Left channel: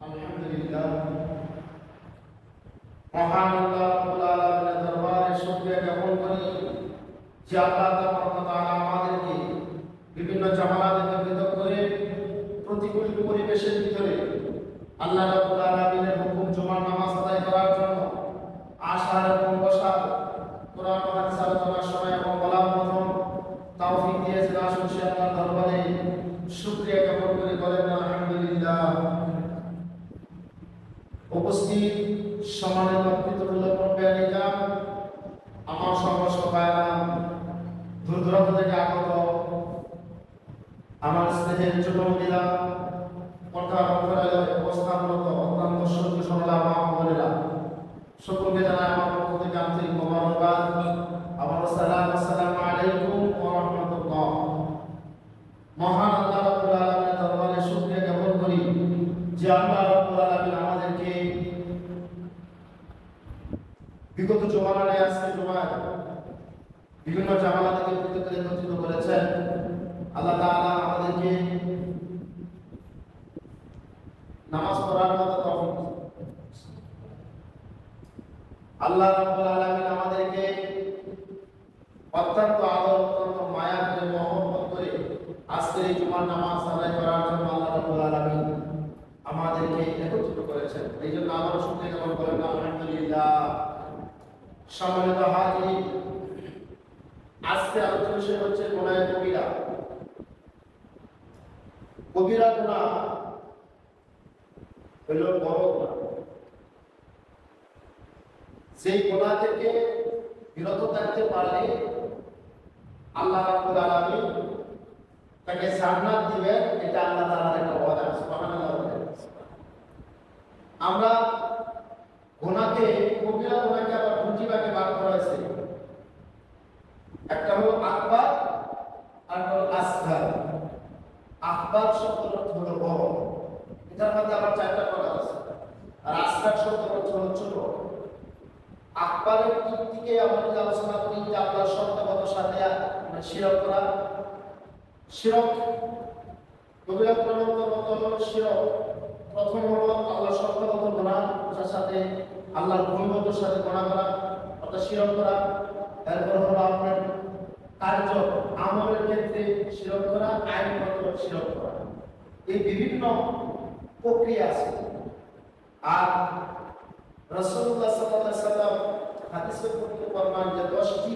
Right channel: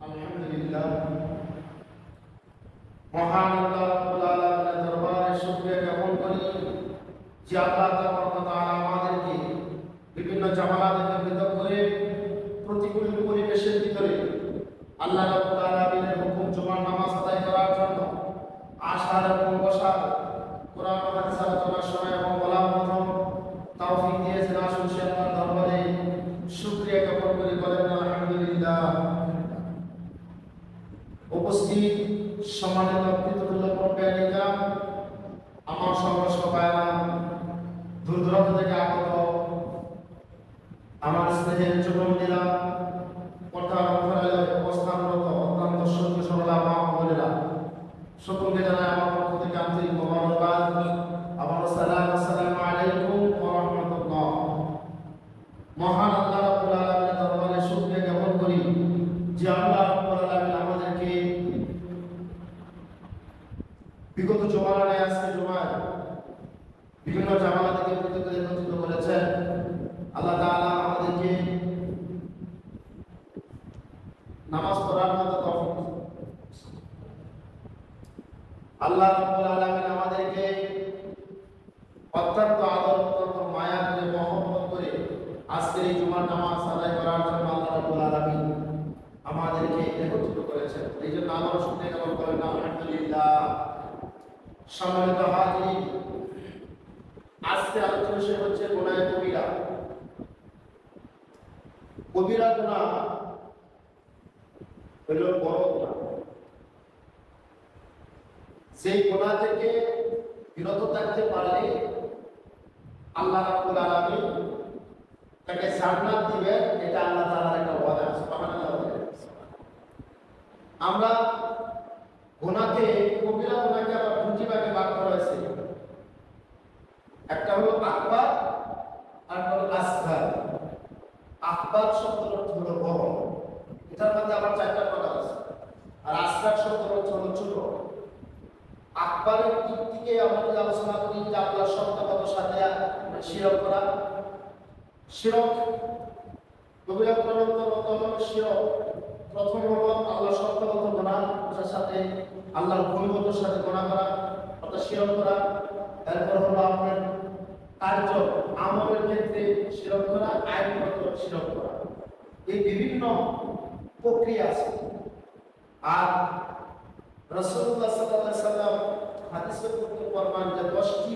আলহামদুলিল্লাহ, মহান আল্লাহ রাব্বুল আলামিনের দরবারে শুকরিয়া জ্ঞাপন করি যে আল্লাহ তাআলা আমাদেরকে বিভিন্ন জামায়াতের ভিতর করে প্রতিকূল পরিবেশের ভিতরে আল্লাহ রাব্বুল আলামিনের হুকুম জুমার নামাজ আদায় করার জন্য আসার এবং বসার কোরআন ও হাদিস আলোচনার সময় এবং বলার মতো তৌফিক দিয়েছেন। আসুন সে আল্লাহর দরবারে শুকরিয়া জ্ঞাপন করি, বলেন আলহামদুলিল্লাহ। উপস্থিত সম্মানিত পিতৃব্যানীরা, আমার সর্বসভায়া দূর দূরান্ত থেকে আগত আমার স্নেহের যুবকেরা, কঠোর মন্ত্রণালয়ে অবস্থানরত অত্যন্ত শক্তি সরলা মা বোনেরা, সকলকে জানাই আমার পক্ষ থেকে আন্তরিক মোবারকবাদ। আমার আসসালামু আলাইকুম ওয়া রাহমাতুল্লাহ। মহান আল্লাহ রাব্বুল আলামিনের দরবারে শুকরিয়া জ্ঞাপন করি যে আল্লাহ রাব্বুল আলামিন আমাদেরকে বিগত জমানায় আজকে জমায় বিভিন্ন জামাত থেকে প্রত্যেককে একত্রিত করেছেন। আল্লাহ তাআলা আমাদেরকে নামাজ পড়ার মতো তৌফিক, আল্লাহ রাব্বুল আলামিন আমাদেরকে অত্যন্ত আদর অত্যন্ত মায়া করে মহব্বত করে আজকে এই জুমার নামাজ আদায় করার জন্য আল্লাহ রাব্বুল আলামিন আমাদেরকে একত্রিত করেছেন। এই জন্য আমরা শুকরিয়া জ্ঞাপন করি, আলহামদুলিল্লাহ। সম্মানিত হাজির, আজকে আলোচনার বিষয় হচ্ছে গুনাহে কবিরা। কবিরা গুনাহ হলো বড় গুনাহ। সেই গুনাহ থেকে বিরত থাকতে পারলে আল্লাহ রাব্বুল আলামিন তাকে জান্নাত দিবেন। এটা আল্লাহ তাআলার একটা ওয়াদা। সুবহানাল্লাহ। আমরা গুনাহকে কবিরা গুনাহকে আবার দুটি ভাগে ভাগ করা হয়েছে। একটা হলো আকবার আর হলো আসগার। আকবার শব্দের অর্থ হলো বড়, এটার মধ্যে আবার চারটা কথা আছে। আর আসগার শব্দের অর্থ হলো ছোট। আকবারের দিক থেকে আমরা যদি আলোচনা করি যে আল্লাহর শব্দগত সাথে শিরক করা, শিরক কবিরা গুনাহের অন্তর্গত হলো শিরক। প্রথম হলো আল্লাহর শব্দগত গুনাহ, যার সাথে আল্লাহর গুণগত সাথে গুনাহ করা অর্থাৎ শিরক করা। এরপর হলো আপনার কার্য আমলের ক্ষেত্রে শিরক করা, আইনগত শিরক করা। এই বিভিন্ন প্রক্রিয়া আছে। আর রাসূলুল্লাহ সাল্লাল্লাহু আলাইহি ওয়াসাল্লাম হাদিসে বর্ণনা যে 10টি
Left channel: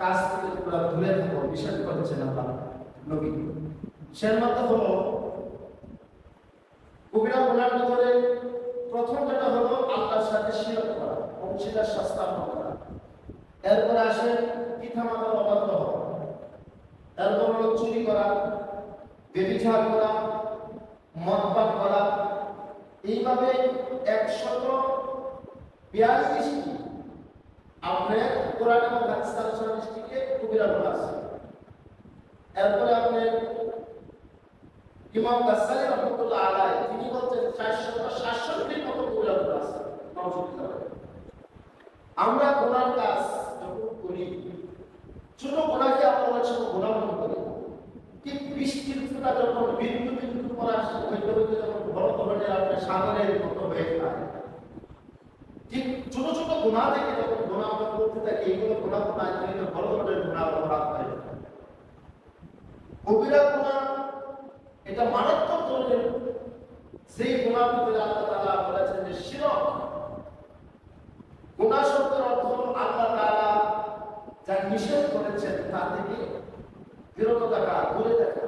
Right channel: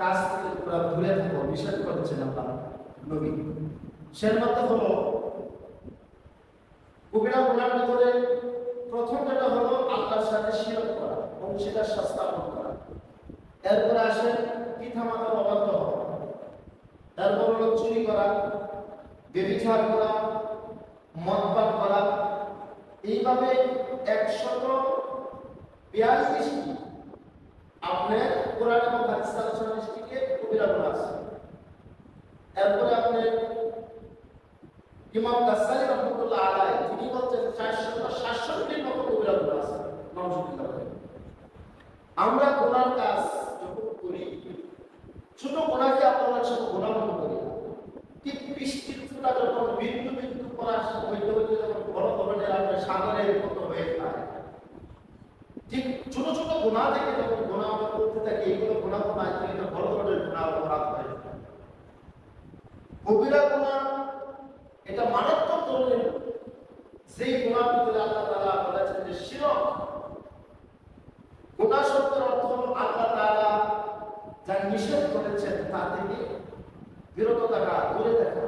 কাজ থেকে তোমরা দূরে থাকো, বিষয় করেছেন আল্লাহ নবী। সের মধ্যে হলো কবিরা গুনাহের ভিতরে প্রথম যেটা হলো আল্লাহর সাথে শিরক করা, অংশীদার স্থাপন করা। এরপরে আসে পিতামাতার অবাধ্য হওয়া। এরপর হলো চুরি করা, ব্যভিচার করা, মদপান করা। এইভাবে 142টি আপনার কোরআন এবং হাদিস আলোচনা দৃষ্টিকে কবিরা গুনাহ আছে। এরপরে আপনার ইমাম গাজ্জালী রাহমাতুল্লাহ আলাইহি তিনি বলছেন 467টির মতো কবিরা গুনাহ আছে। নাউজুবিল্লাহ। আমরা গুনার কাজ যখন করি, ছোট গুনাহকে আমরা অনেক সময় গুনাহ মনে করি, ঠিক বৃষ্টিটা যখন বিন্দু বিন্দু করে আসে ওই যখন বড় ধরনের আপনার সাগরের মতো হয়ে যায়, ঠিক ছোট ছোট গুনাহ থেকে যখন গুনাহ আমরা করতে থাকি, এইগুলো গুনাহ না থেকে বড় ধরনের গুনাহ অপরাধ হয়ে যায়। কবিরা গুনাহ এটা মারাত্মক ধরনের যে গুনাহ ভিতরে আল্লাহ তাআলা বলেছেন যে শিরক। গুনাহ শব্দের অর্থ হলো আল্লাহ তাআলা যা নিষেধ করেছেন তা থেকে বিরত থাকা, দূরে থাকা।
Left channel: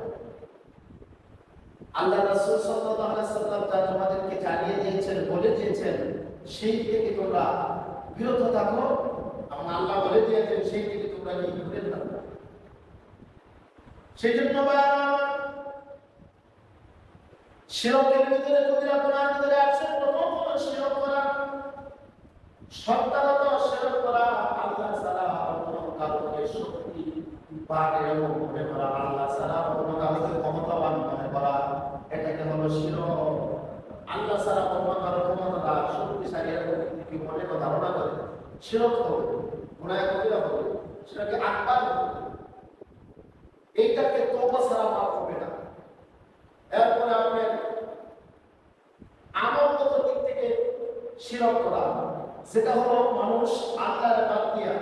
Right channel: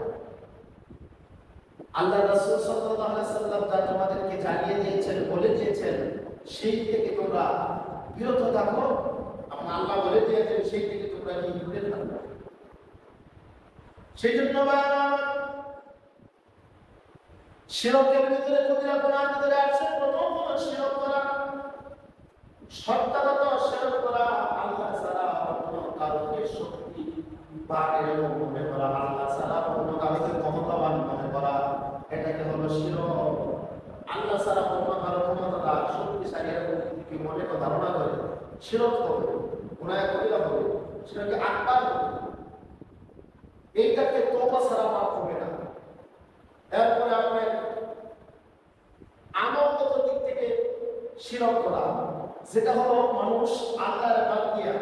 আল্লাহ রাসূল সাল্লাল্লাহু আলাইহি ওয়াসাল্লাম যা তোমাদেরকে জানিয়ে দিয়েছেন, বলে দিয়েছেন, সেই থেকে তোমরা বিরত থাকো। এবং আল্লাহ বলে দিয়েছেন সেই থেকে তোমরা দূরে থাকো। সেই জন্য শিরকের ভিতরে কবিরা গুনাহের ভিতরে আছে প্রথম হলো শিরক করা, সত্তাগত শিরক করা। আল্লাহ ছাড়া অন্য কাউকে শক্তি পারে মনে করা, আল্লাহ ছাড়া অন্য কাউকে ক্ষমতাবান মনে করা, এটাকে হলো শিরক। আল্লাহ ছাড়া অন্য কারো ক্ষমতা শক্তিশালী কি মনে ধারণা করে শিরক করে, গুনাহ কবিরা করে, সেটাকে আকবার করে। এইটাকে তওবা ছাড়া মাফ হবে না। এরপরে আপনি আমল শিরক করা, যেটা হলো মানুষ আল্লাহর বাদ দিয়া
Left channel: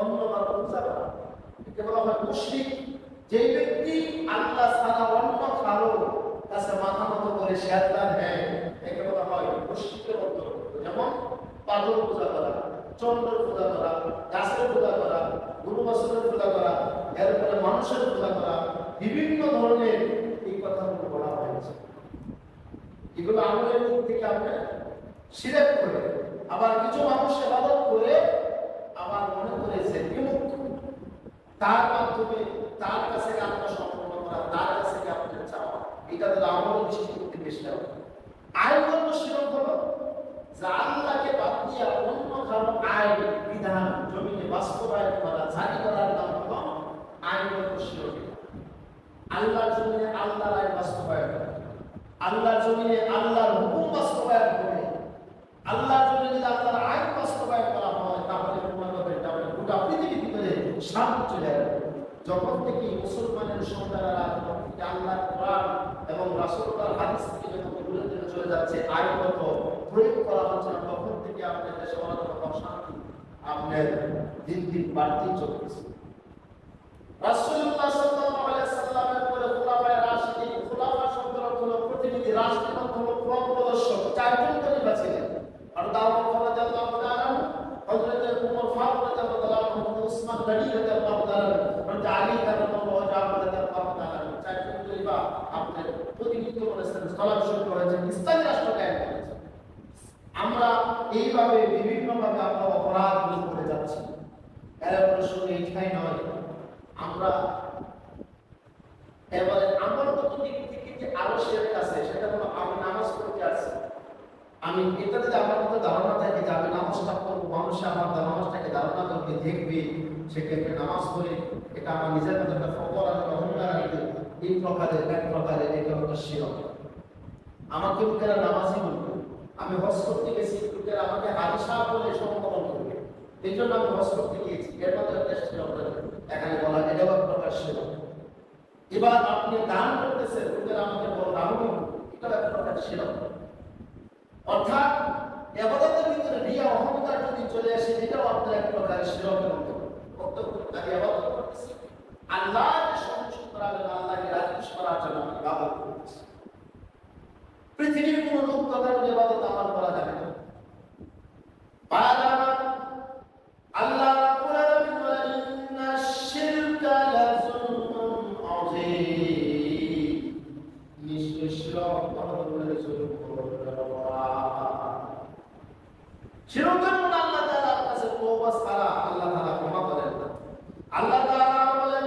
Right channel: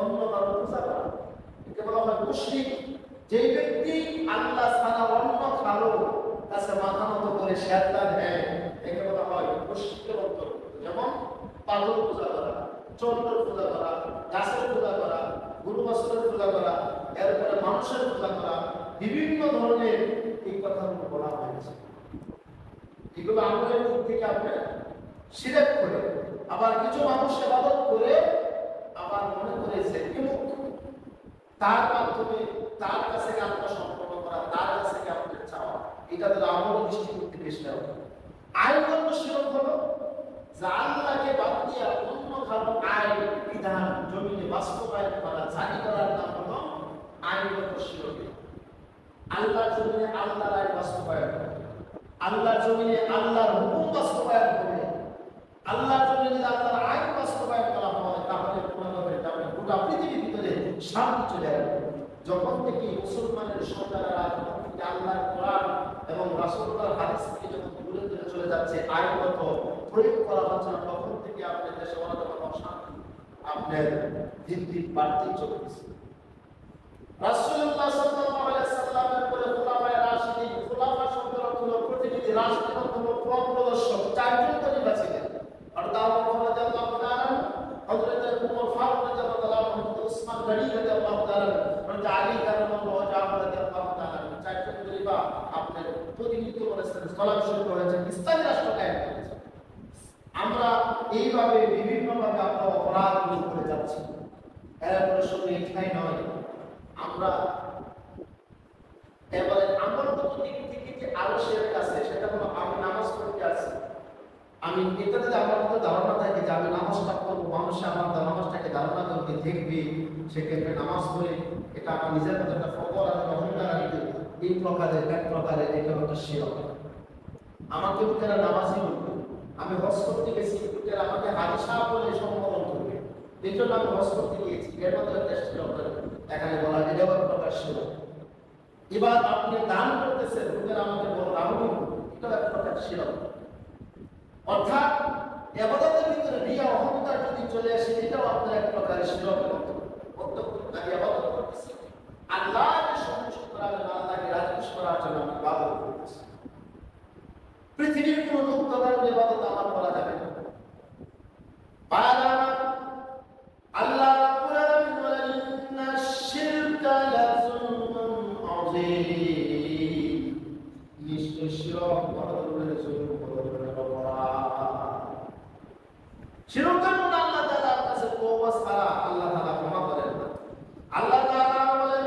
অন্য কারো পূজা করা, একে বলা হয় মুশরিক। যে ব্যক্তি আল্লাহ ছাড়া অন্য কারো কাছে মাথা নত করে শেরদান নেয়, একে বলা হয় মুশরিকের অন্তর্গত। যেমন পাগল পূজা করা, চন্দ্র পূজা করা, গাছের পূজা করা, গুরু বস্ত্রের পূজা করা, এরপরে মানুষের পূজা করা, বিভিন্ন ধরনের এই কথাগুলো বলা হয়েছে। এগুলো আমাদের মুখ থেকে আপনি শিরক করে, আবার কিছু মানুষ ইবাদত করে আবার মনে করেছে বিমুখ, তার মাধ্যমে তার কাছে আত্মা সম্পন্ন করা, তার কাছে আপনাদের চাওয়া, এটা তো আমাদের দৃষ্টিভঙ্গি বেশ না। আইনগত শিরক হলো যে আল্লাহকে বাদ দিয়ে অন্য কারো আইন বিধান জমিনে বাস্তবায়ন করা, জারি করার নাম হলো আইনগত শিরক। আল্লাহর জমিনে আল্লাহর আইন বাস্তবায়ন করা, আল্লাহর জমিনে আল্লাহর হুকুম বাস্তবায়ন করে, আল্লাহর জমিনে আল্লাহর আইন বাস্তবায়ন করা হয়, তাহলে গোটা পৃথিবীর ভিতরে শান্তি চলে আসবে। যখন থেকে মুসলমানের সন্তানেরা আল্লাহর কোরআন এবং রাসূলুল্লাহর হাদিস থেকে যখন দূরে দূরে চলে যাচ্ছে, আইনগত প্রয়োগ করা হচ্ছে না, তখন থেকে আপনার দেশে অনেক অশান্তি আপনার দিন দিন বাড়তেই চলেছে। রাসূলুল্লাহ সাল্লাল্লাহু আলাইহি সাল্লামের বলে খোলাফায়ে রাশিদিন, খোলাফা শব্দের অর্থ হলো প্রতিনিধি, রাশিদ অর্থ হলো পথ প্রদর্শক। চারজন খলিফা ছিলেন। আর আবু বকর রাদিয়াল্লাহু তাআলা, হযরত ওমর ফারুক রাদিয়াল্লাহু তাআলা, হযরত উসমান গনি রাদিয়াল্লাহু তাআলা, হযরত আলী রাদিয়াল্লাহু তাআলা, চারজন খলিফা আপনার প্রতিনিধিত্ব করেছেন, স্থলাভিষিক্ত হয়েছেন, ইসলামী রাষ্ট্র কায়েম করেছেন। আমরা এইভাবে বিভিন্নভাবে আমরা অপরাধগুলো করে যাচ্ছি। এর প্রশ্ন এটাই নয়, আমরা এবারে আমার দিক থেকে যে আলসের কাছে, সেটা হলো আমি নামাজ পড়তে আছি, আমি এটা যদি আমার মধ্যে ধারণা থাকে যে আমি নামাজটা করবো, মানুষ আমার নামাজটাকে ধারণা করবে, দেখবে, সেক্ষেত্রে নামাজ পড়ে এটা আমার নিজের মধ্যে একটা খবর আছে, অহংকার আসবে, এই প্রকারের এক প্রকারের এটা হলো শিরক। আমাকে তারা নামাজই বলবে, আমি হজ করতে গেছি, তারা আমাকে হাজি সাহেব বলে সম্বোধন করবে, এই জন্য আমি হজ করতে গিয়েছি, এর মধ্যে একটা শিরক এখানে বলা, এটা এক প্রকার শিরক। এবার আপনি দান করতেছেন, লোকেরা আমাকে বড় দানই, এটা এক প্রকার শিরক। অর্থাৎ ইবাদতের ভিতরে রিয়া অহংকার যদি চলে আসে, এটাও আপনার এক প্রকার শিরক। আমি ইবাদত করতেছি, আল্লাহকে সন্তুষ্ট করার জন্য, আল্লাহকে রাজি করার জন্য আমি ইবাদত করতেছি। পৃথিবীর কোন লোক তাদের ইবাদত আমার করা যাবে না। আল্লাহ রাব্বুল আলামিন বলেন, ইন্না শিরকা লাযুলমুন আযীম, নিশ্চয় শিরক বড় জুলুম। শিরকের মধ্যে আল্লাহ তাআলার কাছে তওবা ছাড়া আল্লাহ তাআলা ক্ষমা করেন না। আল্লাহ তাআলা বলেন,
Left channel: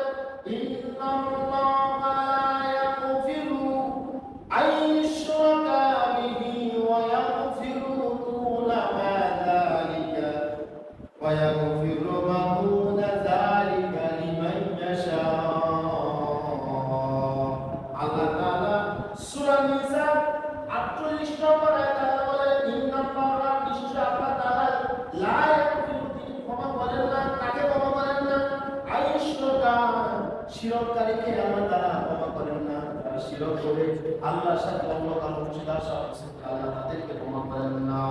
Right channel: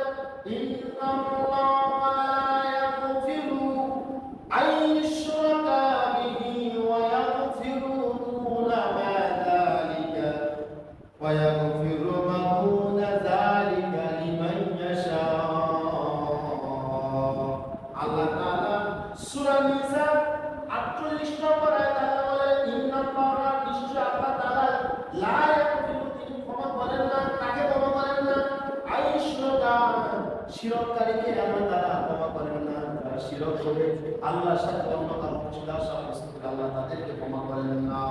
ইন্নাল্লাহা লা ইয়াগফিরু আন ইউশরাকা বিহি ওয়া ইয়াগফিরু দুনা মা যালিকা ওয়া ইয়াগফিরু মা দুনা যালিকা লিমান ইয়াশা। আল্লাহ তাআলা সূরা নিসা 48 নম্বর আয়াতে বলেন, ইন্নাল্লাহা নিশ্চয় আল্লাহ তাআলা লা ইয়াগফিরু, তিনি ক্ষমা করেন না, কাকে ক্ষমা করেন না? আইশরকা, শিরককারীকে আল্লাহ তাআলা ক্ষমা করেন না। যারা শিরক করে আল্লাহর সাথে অন্য কারো অংশীদার সাব্যস্ত করে, আল্লাহ তাদেরকে ক্ষমা করেন না।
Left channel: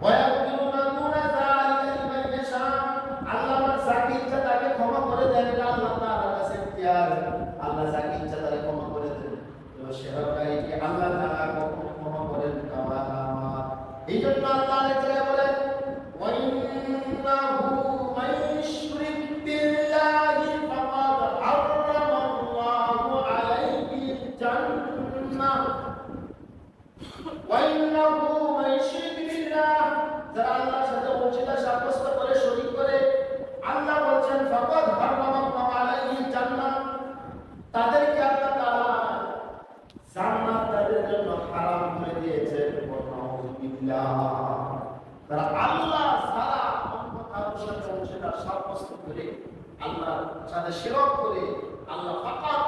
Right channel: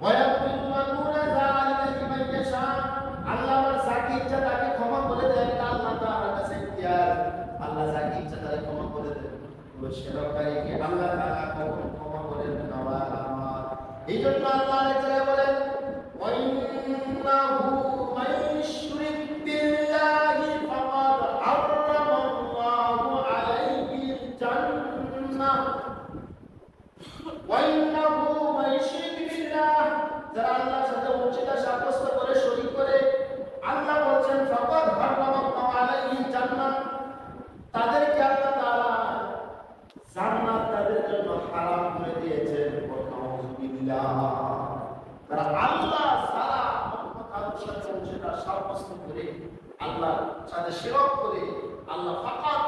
ওয়া ইয়াগফিরু মা দুনা যালিকা লিমান ইয়াশা, আল্লাহ যাকে ইচ্ছা তাকে ক্ষমা করে দেন, আল্লাহ তাআলার কাছে ইখতিয়ার, আল্লাহ যাকে ইচ্ছা তাকে ক্ষমা করে দেন। তো শিরককারীকে আল্লাহ তাআলা কখনো ক্ষমা করেন না। এই জন্য আল্লাহ তাআলা বলেন, ওয়া ইন্নাহু মান ইউশরিক বিল্লাহি ফাকাদ হারামাল্লাহু আলাইহিল জান্নাহ। ওয়া ইন্নাহু মান ইউশরিক বিল্লাহ, যারা আল্লাহর সাথে অংশীদার সাব্যস্ত করে, শরীক করে, আল্লাহ বলেন ফাকাদ হারামাল্লাহু আলাইহিল জান্নাহ, তাদেরকে আল্লাহ তাআলা জান্নাত তাদের জন্য হারাম করে দিয়েছেন। তারা আল্লাহ ছাড়া অন্য কারোর সাথে অংশীদার সাব্যস্ত করে, আল্লাহর সাথে শিরক করে, আল্লাহ ফাকাদ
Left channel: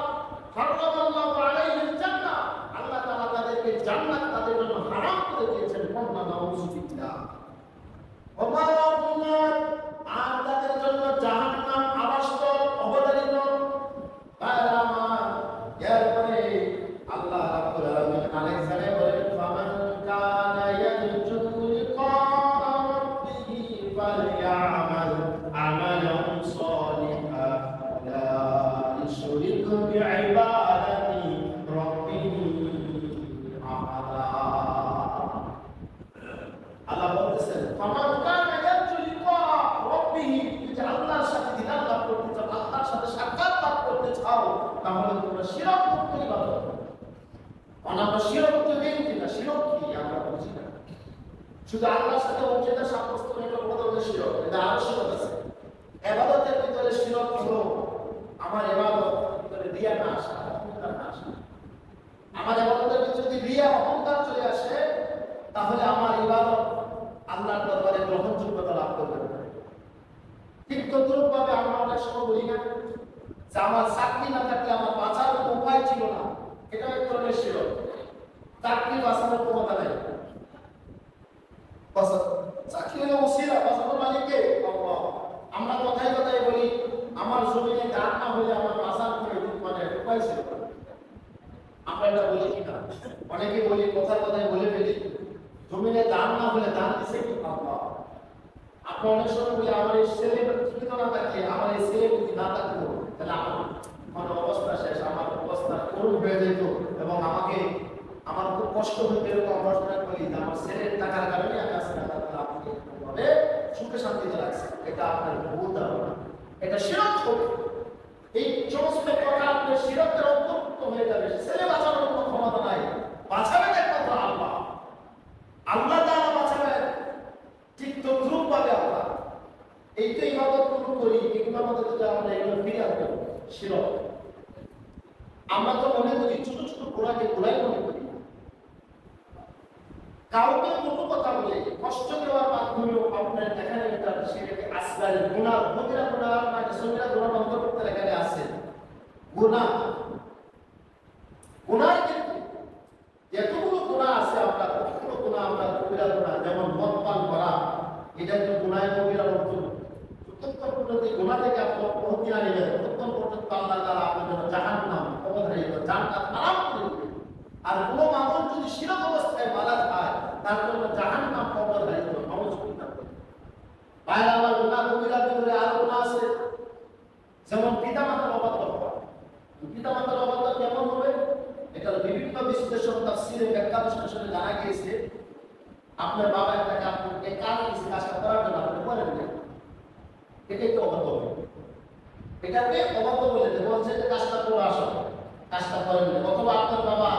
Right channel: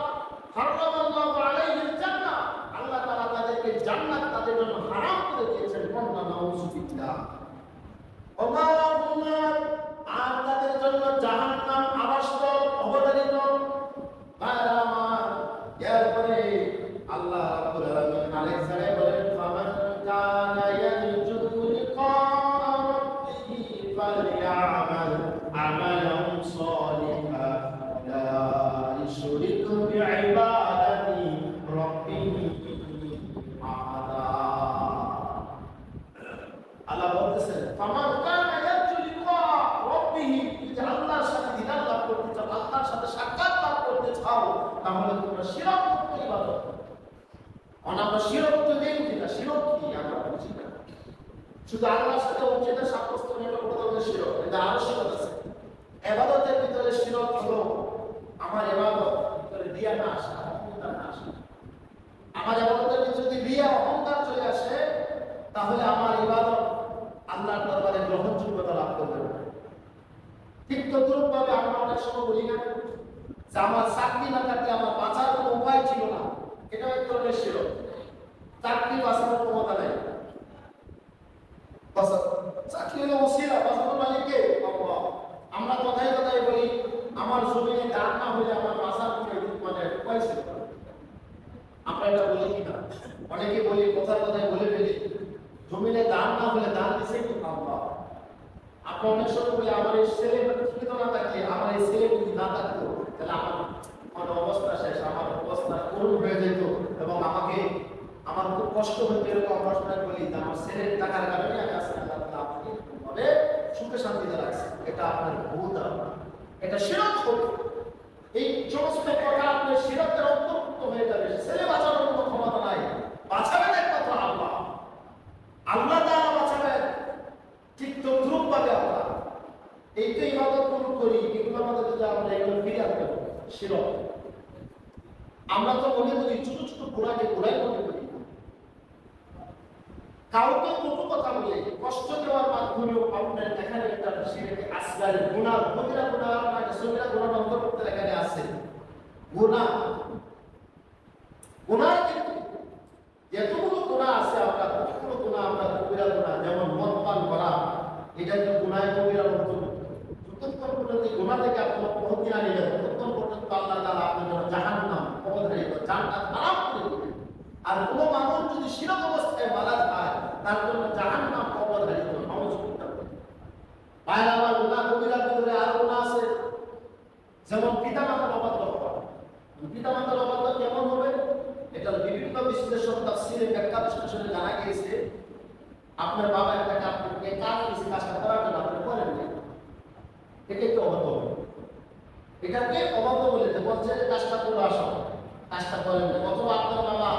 হারামাল্লাহু আলাইহিল জান্নাহ, আল্লাহ তাআলা তাদেরকে জান্নাত তাদের জন্য হারাম করে দিয়েছেন। নাউযুবিল্লাহ। আর তাদের জন্য জাহান্নাম আবাসস্থল, অবধারিত। এরপরে আল্লাহ রাব্বুল আলামিন আরেক জায়গায় বলেন, ফামান কানা ইয়ারজু লিকা শুধু আল্লাহর সাথে অংশীদার সাব্যস্ত করার উদ্দেশ্য এটা আবশ্যক আছে। ইবাদতের ভিতরে শিরক হলো আমার ইবাদত ভিতরে রিয়া না আসা, অহংকার না আসা। আমার ইবাদতের ভিতরে যদি রিয়া অহংকার চলে আসে তাহলে আমার ইবাদত আল্লাহর দরবারে গ্রহণযোগ্যতা লাভ করবে না। ঠিক তদ্রূপভাবে আমরা অনেক সময় বলি না যে আমার চাকরি না থাকলে আমার বাঁচার কোনো উপায় ছিল না, এটা এক ধরনের শিরক। চাকরি বাঁচানোর ক্ষমতা নেই, চাকরি হলো ওসিলা, বাঁচানোর মালিককে আল্লাহ। আমরা কথায় কথায় বলি আমার জমিনে দান না হলে আমার বাঁচার কোনো উপায় ছিল না। আমরা এটা বলি কিনা? অনেকে বলি, কথার কথায় বলে ফেলি জমিনে দান না হলে দান দিছে কি আল্লাহ। আপনার অনেক সময় বলি আমার এই ছেলে ঠিক না থাকে, আমার এই ছেলে যদি না থাকতো তাহলে আমার অবস্থা শেষ, আমার অবস্থা করুণ হয়ে যেত এবং আমাকে আমার খুব কষ্ট হতো। এরকম অবস্থা বলি যে আমার ছেলের টাকার কারণে আমি আজকে আমাকে সুখে শান্তিতে লাগছে। এটা আপনার ভুল ধারণা, এটা শিরক হবে। এই সমস্ত প্রকার শিরকের অন্তর্ভুক্ত হয়ে যাবে। ছেলে বাঁচানোর কোনো ক্ষমতা নাই, বাঁচাবেন একমাত্র আল্লাহ। আল্লাহ তাআলা বাঁচাবেন। ঠিক তদ্রূপ ভাবে আমরা এইটাই ইবাদত করি, এগুলোর মধ্যে যদি আমরা এগুলো ফিরে আনবো শিরক। আমরা তো মনে করি ছোট ছোট ঘোড়াকে ঘোড়াই মনে করি, কাউকে কত কথা বলে কষ্ট দেওয়ার মাধ্যমে আপনার এখানে একটা শিরকে আসগার গুনাহ, কবিরা গুনাহ না সগীরা গুনাহ অন্তর্ভুক্ত এখানে আছে। গুনাহ গুনাহ কিন্তু এতগুলো গুনাহ আছে, আমরা কতগুলো গুনাহ আমরা কবিরা গুনাহ, যেমন মদ পান করা, এটা কিন্তু গুনাহ কবিরার অন্তর্ভুক্ত। যতক্ষণ পর্যন্ত গুনাহ থেকে আপনার মুক্তি না নিলেন ততক্ষণ পর্যন্ত আল্লাহ তাআলা আপনার জন্য জাহান্নাম কবরে জান্নাত হারাম করে দিবেন। আর কোন মানুষ যদি শিরক অবস্থায় মারা যায় তার জন্য জাহান্নাম কবরে দিবেন। বাইরে আবার গুনাহ কবিরার ভিতরে আরো গুনাহ আছে, যেমন পিতামাতার অবাধ্য হওয়া। পিতামাতার অবাধ্য কেমন হবে? এটা বিভিন্ন বিশ্লেষণ তাফসীরে ব্যাখ্যা বিশ্লেষণে জানা গিয়েছে। আপনার বাবা একটা কাজ করতে কাজ কিছু কাজটা করার জন্য আপনি করেন না, এটাই তো অবাধ্য হবে। এটাকে অবাধ্য বলে বলছে যে কাজটা করে আসো, কাজটা করেন না। অথবা আপনার বাবা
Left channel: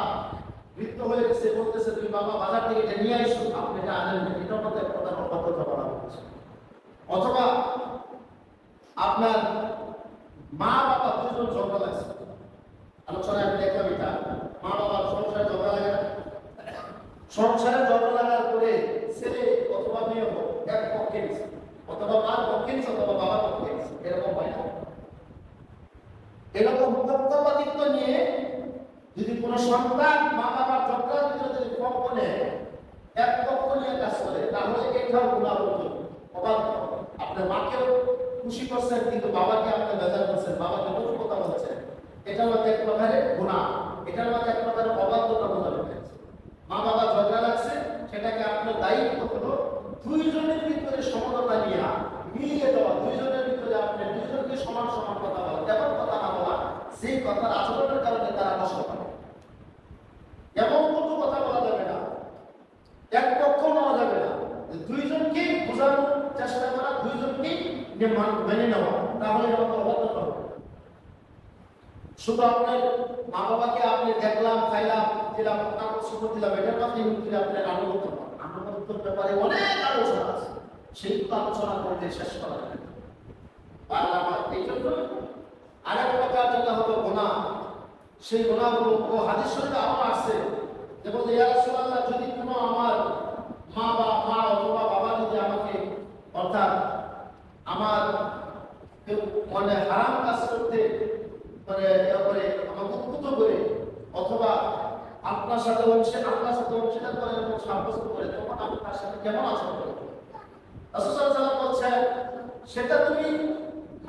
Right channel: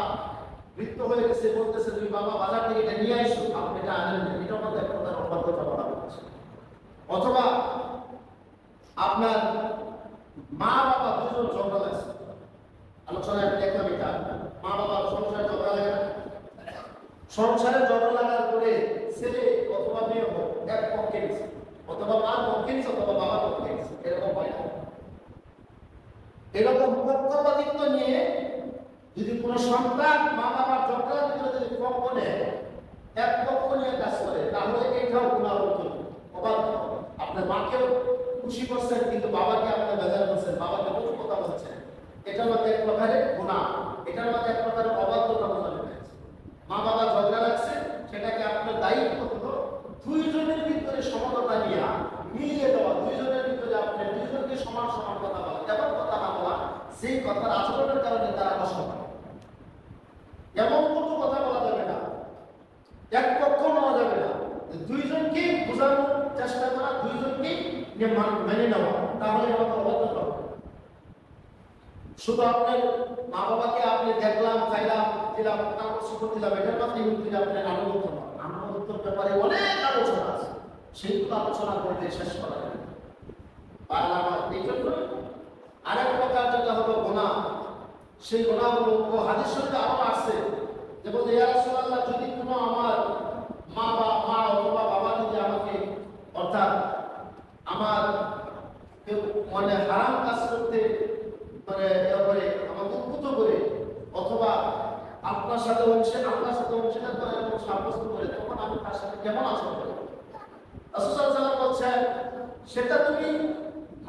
মৃত্যু হয়ে গেছে, বলতেছে তুমি বাবা বাজার থেকে এটা নিয়ে আসো, আপনি এটা আনেন না, এটার মধ্যে একটা অবাধ্যতা বলা হচ্ছে। অথবা আপনার মা বাবা দুজন ঝগড়া লাগছে, আলোচনায় দেখলাম এটা মা বাবা সংসারে ঝগড়া লাগে, সংসারে ঝগড়া লাগার পরে ছেলে অথবা মেয়ে এক পক্ষে গেছে, অথবা মার পক্ষে গেছে, অথবা বাবার পক্ষে গেছে। এরকম হয় না? এরকম পক্ষপাতিত্ব নিয়ে যদি কোনো সন্তান মা বাবার ঝগড়ার ভিতরে যদি পক্ষ নেয়, এক পক্ষ নিয়ে কাজ করে, তাহলে এটাও গুনাহ হতো। আপনার মাকেও খুশি করছেন কিন্তু বাবাকে আপনি বেজার করছেন, বাবাকে কোনো কথা বলছেন, এটার মধ্যে এক প্রকারের গুনাহ, এটার মধ্যে এক প্রকারের অবাধ্যতা বোঝানো হয়েছে। মা বাবা ঝগড়া লাগছে, সেটাকে আপনার দায়িত্ব হলো দুইজনের ভিতরে সমতা নিয়ে মিলিয়ে দেওয়া, দুইজনের ভিতরে আপনি দুইজনকে সমান সমান কথা বলা, কেমন কথা বলা, সেই কথার আচরণের কারণে তারা নষ্ট হয়। এমন কোনো কথা বলা যাবে না, এক পক্ষ নেওয়া যাবে না, দুইজনকে বোঝানোর চেষ্টা করা, দুইজনকে মেনে নেওয়া, তাহলে অবাধ্যতা হবে। শুধু আপনার মা বাবাকে আপনি দেখলাম, খাইলাম, দিলাম, আকর্ষিত দিলাম, এটার মাধ্যমে কিন্তু আপনার আনুগত্য না। আনুগত্যের ব্যাপারে অনেক আলোচনা আছে, সেই আলোচনা করতে শেষ করা যায়। আর এই জন্য আরেক প্রকার যেটা হলো গুনাহ, সেই গুনাহগুলো হাদিস শরীফে আরো আছে। যেমন ইয়া রাসূলুল্লাহ, যদি কোনো আমার মা অথবা বাবা যদি আমাকে, অর্থাৎ আমার মানে হারাম কাজ করতে মানে তারপরে আমাকে উদ্বুদ্ধ করে, অথবা আপনার সাথে অংশীদার করে এবং সাব্যস্ত করে, তখন আমি তার সাথে কেমন আচরণ করি? রাসূল সাল্লাল্লাহু আলাইহি ওয়াসাল্লাম বলছেন সেটা তুমি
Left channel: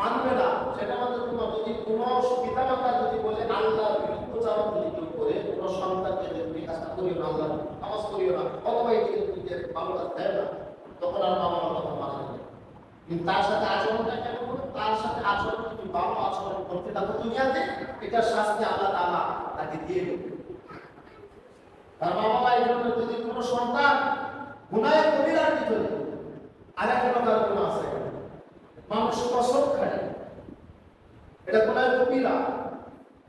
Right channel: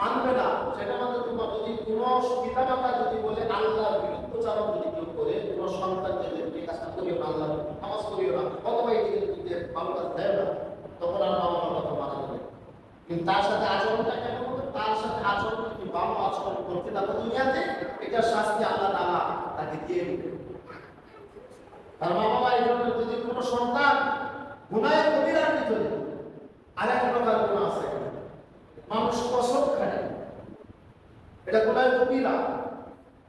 মানবে না, সেটা আমাদের যদি কোনো পিতামাতা যদি বলে আল্লাহ বিরুদ্ধ চালন যদি কেউ করে, কোনো সন্তানকে যদি কাজটা করিও না, আল্লাহ নামাজ করিও না, অথবা এই যে ভালো কাজ দেয় না, তখন আর বাবা মা কথা মানা যাবে। কিন্তু তার সাথে আচরণটা কেমন হবে? তার সাথে আচরণ যদি ভালো আচরণ করতে থাকো দুনিয়াতে, এটার শাস্তি আল্লাহ তাআলা তাকে দিয়ে দেবে। তার মা বাবা এই জন্য যদি কোনো সন্তান গুনাহে কবিরার ভিতরে, আরেক প্রকার গুনাহ আছে, মানুষ কসম খায়, এটা গুনাহে কবিরা।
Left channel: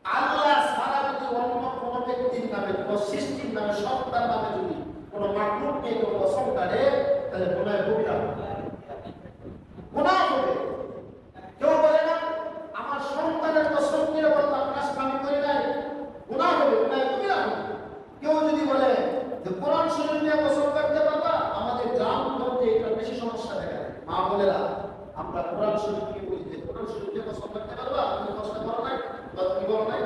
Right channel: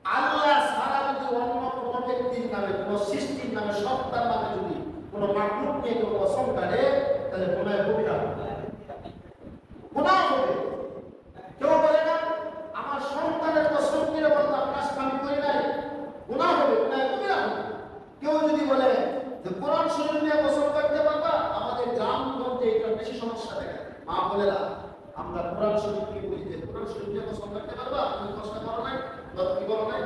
আল্লাহ ছাড়া যদি অন্য কোনো ব্যক্তির নামে, কোনো সৃষ্টির নামে, সত্তার নামে যদি কোন মাকলুক নিয়ে কোন কসম কাটে, তাহলে গুনাহ কবিরা, গুনাহ হবে। কেউ বলে না আমার সন্তানের কসম করে বললাম কাজটা আমি করি নাই, গুনাহ হবে, গুনাহ কবিরা হবে। কেউ যদি বলে যে কোরআন শরীফ নিয়ে কসম কাটতে পারবা, আমাদের গ্রাম মধ্যে এটা বেশি সমস্যা দেখা যায়। মা বলে না আমরা কোরআন শরীফ কি বলি যে কোরআন শরীফ নিয়ে কসম কাটতে পারবা, তুমি কষ্ট করো নাই বা তুমি করো নাই,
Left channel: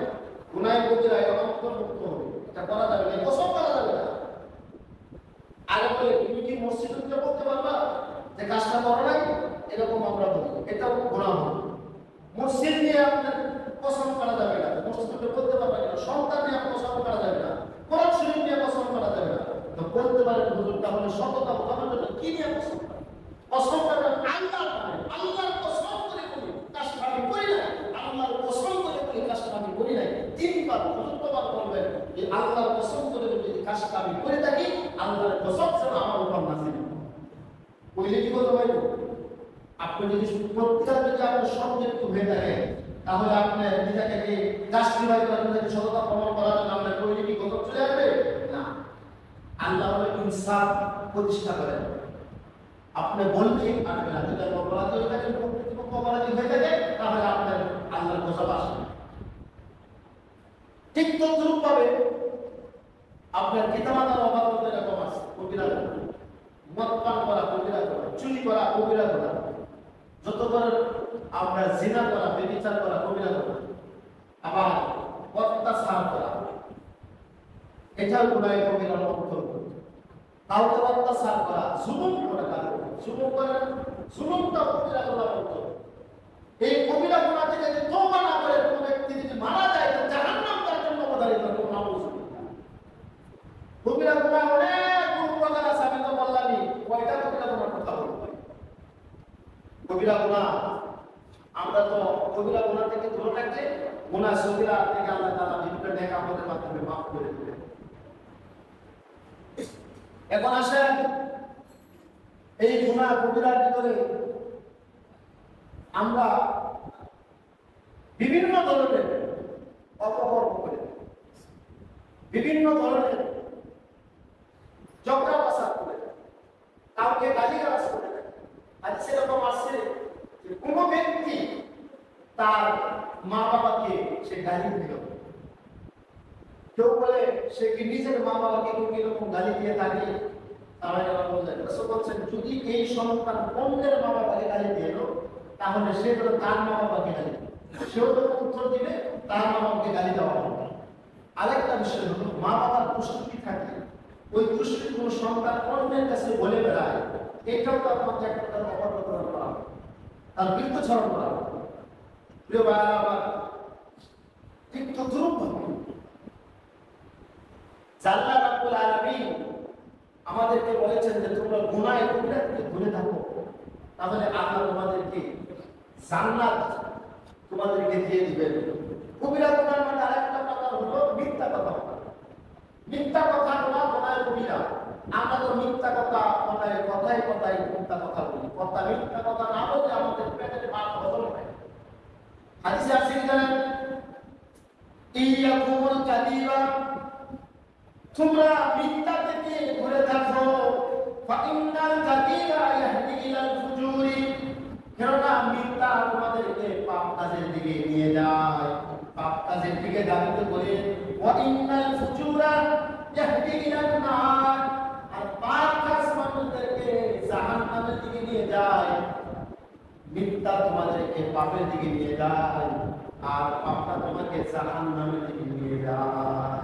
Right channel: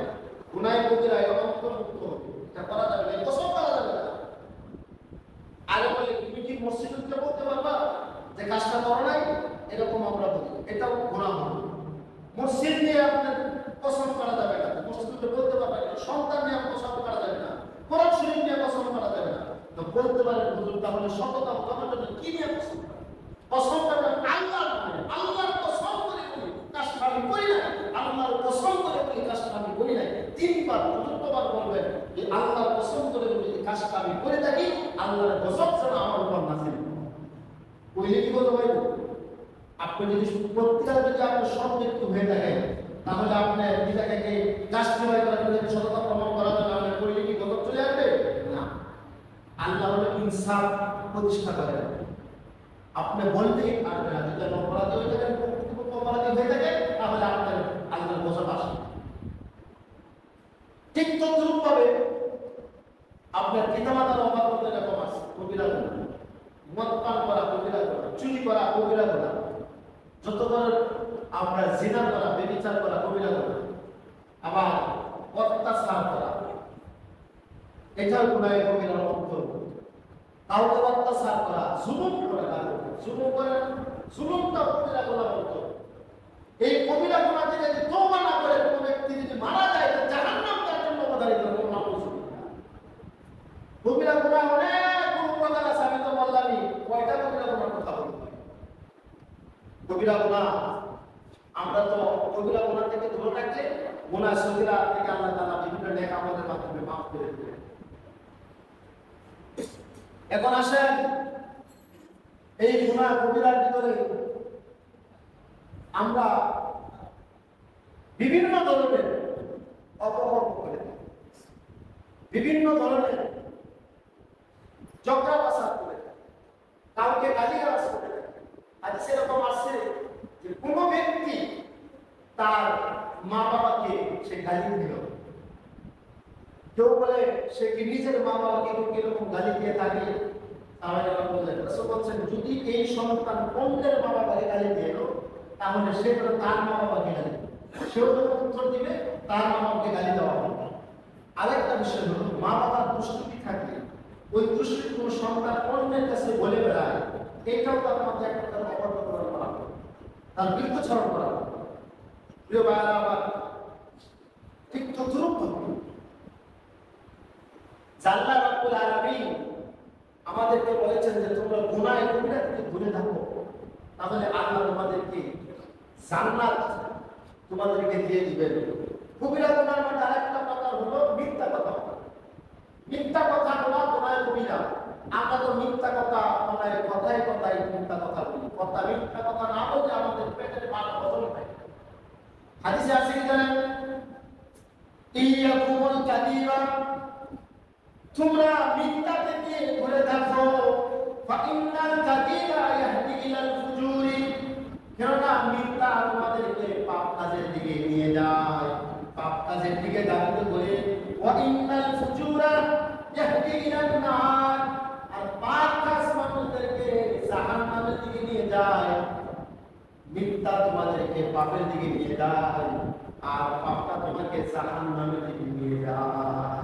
গুনাহ কবিরা মুক্ত হবে। এটা করা যাবে না, কসম করা যাবে না। আগে বলে তুমি কি মসজিদে বলতে পারবা যে কাজটা করো নাই, এরকম আমরা বলি, এটাও গুনাহ হবে। মসজিদ নিয়ে আপনার কসম করা যাবে না, মসজিদে বলতে পারবে না, সন্তান নিয়ে কসম করা যাবে না, কোরআন শরীফ নিয়ে কসম করা যাবে না। তো বলতে পারেন হুজুর তাহলে সততা উদাহরণ কি নিয়ে কসম? কসম করবেন আল্লাহর নামে, আল্লাহর কসম করে করি কাজটা আমি করি নাই, আল্লাহর কসম করে করি কাজটা আমি করি নাই। তিনবার চতুর্থবার বলবেন যে আল্লাহর কসম করে যদি কাজটা আমি করে থাকি, আল্লাহর কসম যেন আমার উপর নাযিল হয়। কইলে কি বলতে পারবেন? আপনি যদি প্রত্যেকটা দিকে আপনার শব্দ একটু হয়ে থাকে, তাহলে আপনি নিজেকে কি জাস্টিফাই করে সততা প্রমাণ করার জন্য আপনার কইলে কি গজব চলে আসবে না। আল্লাহ হলো ইনসাফ প্রতিষ্ঠা করেন। আপনি বললেই পারবে না, যদি অপরাধী হয়ে থাকে, অপরাধী হয়ে থাকে, তাহলে আপনার আল্লাহর গজব আসে। ঠিক তদ্রুপ ভাবে আপনার পিতামাতার অভাব করতে এরকম আছে, কবিরা গুনাহ, মদ পান করা কবিরা গুনাহ, চুরি করা কবিরা গুনাহ, যত ধরনের আমরা জিনা করা, ব্যভিচার করা কবিরা গুনাহ, আবার অত্যাচার করা, এটাও গুনাহ কবিরার অন্তর্ভুক্ত। কাউকে অত্যাচার করা, জুলুম করা, জুলুমটা কবিরা গুনাহের অন্তর্ভুক্ত। এই কবিরা গুনাহ থেকে যদি তওবা না করে কোনো ব্যক্তি যদি মারা যায়, তো জাহান্নাম তার জন্য অবধারিত হবে। কবিরা গুনাহ অনেক গুণ আছে, আমি তো বললামই কয়টা কবিরা গুনাহের কথা বলবো। কবিরা গুনাহ আমরা তো কবিরা গুনাহ থেকে দূরে থাকলে গুনাহ সগীরা থেকে আল্লাহ তাআলা বিভিন্ন নেক আমলের মাধ্যমে মাফ করে দেন। এখন আসেন এই গুনাহ কবিরার ভিতরে আমরা বিভিন্ন ধরনের অপকর্ম করে থাকি, বিভিন্ন ধরনের ঝগড়া ফাসাদ করে থাকি, কাউকে গালিগালাজ করে থাকি। আর সেরকম আছে যে কোনো ব্যক্তি তার মা বাবাকে সে গালি দিল, কেউ বলে সে কি নিজের মা বাবাকে কেউ এরকম গালি দিয়ে থাকে, তারা বলছেন যদি এই সন্তান অন্যের মা বাবাকে গালি দিয়ে তাহলে সে তো তার মা বাবাকে গালি, সেও যখন উত্তর দিবে তার মা বাবাকে গালি দেওয়া হবে। আরেকটা বিষয় হলো মা বাবার দুষ্কৃতি থাকে, ওই দুষ্কৃতি কোন সন্তান অন্যের কাছে বলে বেড়ায়, এটাও তার মধ্যে একটা অপরাধ করা হবে, তার বৃত্তচরণ করা হবে। প্রিয় ভাইরা আমার, ঠিক তদ্রুপ আল্লাহ রাব্বুল আলামিন আমাদেরকে বলেছেন যে তোমরা গুনাহ কবিরা থেকে দূরে থাকো, তাহলে আল্লাহ তোমাদেরকে জান্নাত তোমাদেরকে দিয়ে দিবেন। কবিরা গুনার মধ্যে আরেকটা কথা হলো মিথ্যা কথা। মিথ্যা কথা বলা গুনাহ কবিরা। আমরা তো মিথ্যা কথা মানে কথায় কথায় মিথ্যা কথা বলি, কথা মিথ্যা কথা না বলে আমাদের পেটের ভাত হজম হয়। হাদিসে আছে কি জানেন? ইয়াকুমুল কাযিবা, তোমরা মিথ্যা থেকে দূরে থাকো, ফাইন্নাল কাযিবা ইয়াহদি ইলাল ফুজুরি, কেননা মিথ্যা তোমাদেরকে পাপ কাজের দিকে নিয়ে যায়, পাপ কাজের দিকে ধাবিত করে। ওয়া ইন্নাল ফুজুরা ইয়াহদি ইলান নার, আর পাপ কাজ মানুষদেরকে জাহান্নামের দিকে নিয়ে যায়। মিথ্যা তোমাদেরকে পাপের দিকে নিয়ে যায়, আর পাপটা তোমাকে জাহান্নামের দিকে নিয়ে যায়।